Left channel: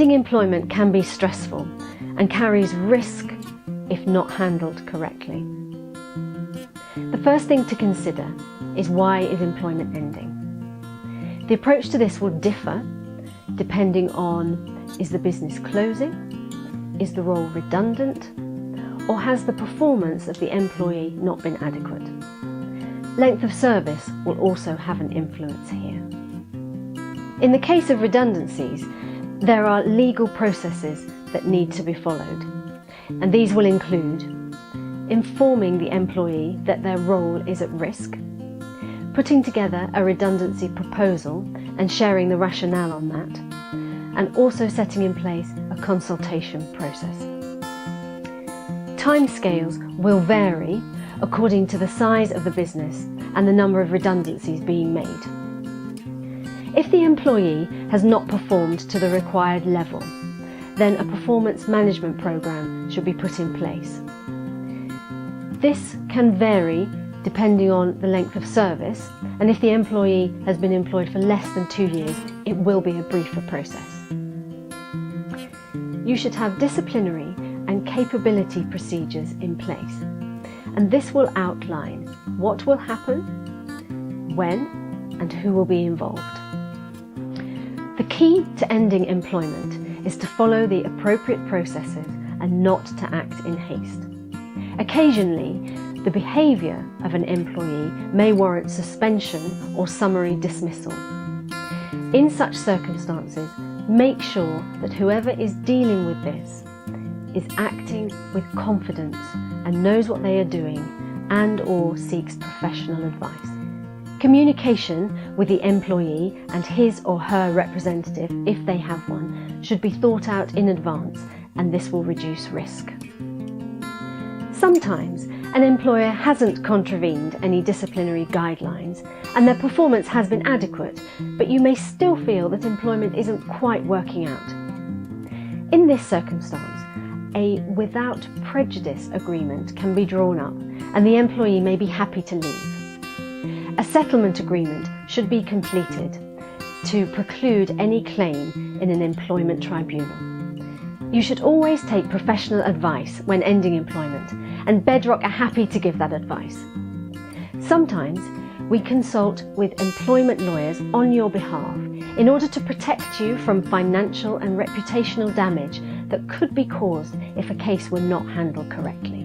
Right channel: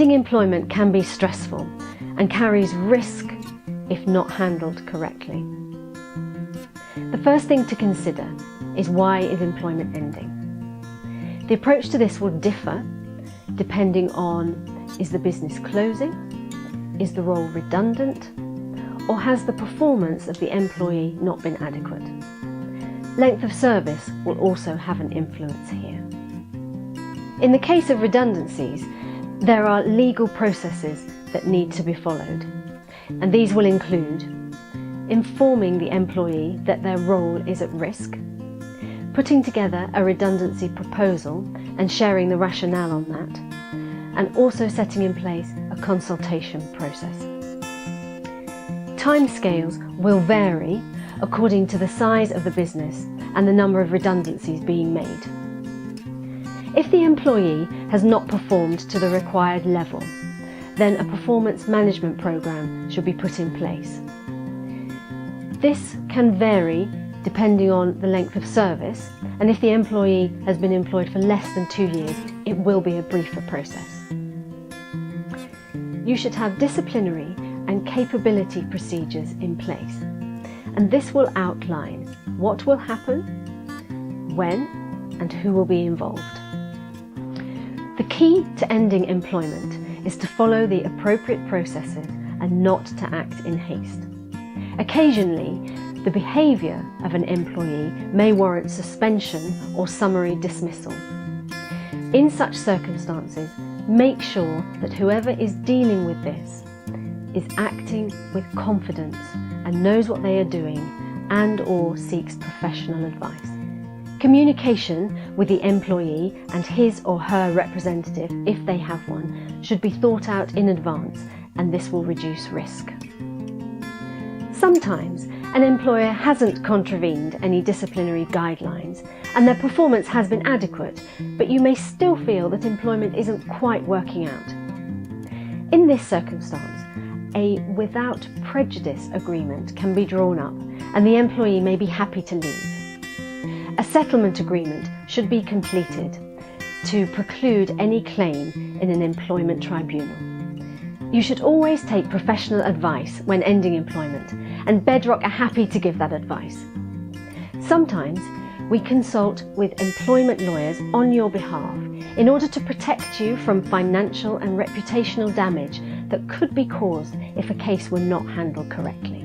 Ending employment can be stressful and carries risk if not handled correctly. The first thing to consider is, why is employment ending? The approach to this will differ depending on, is the business closing, is the role redundant, or has the performance of the employee not been adequate? Length of service will also have an influence here. In the case of redundancies, there are legal processes that need to be followed, and these will include informing the employee that their role is at risk, putting together a redundancy proposal and sharing the rationale on that, and also setting in place a consultation process. Timescales will vary according to the size of the business and the number of redundancies being made. If the employee has not performed to the required level, then a performance management program should be put in place. This can vary depending on the length of service, and if the employee has been employed for less than 2 years, it will be a briefer process. You should have disciplinary and capability procedures in place, and this will outline what will happen, when, and who will be involved. The key to ending employment is to follow the appropriate processes and not to act in haste. Occasionally, the behaviour of an employee may warrant suspension or summary dismissal. In such circumstances, make sure that whoever is dealing with this is acting with confidence and knows what they are doing and/or seeks professional advice. Communication with the employee and his or her representative, if they have one, should be thought out in advance, and this will reduce risk. Sometimes an employer hasn't contravened any disciplinary guidelines and their performance has been adequate, but you may still feel that employment isn't quite working out. In this circumstance, a without prejudice agreement can be drawn up and the employee may be happy to leave. A settlement agreement should be completed to preclude any claim in an employment tribunal. You should always take professional advice when ending employment, and Bedrock are happy to give that advice. Sometimes we consult with employment lawyers on your behalf in order to protect you from financial and reputational damage that could be caused if a case were not handled correctly.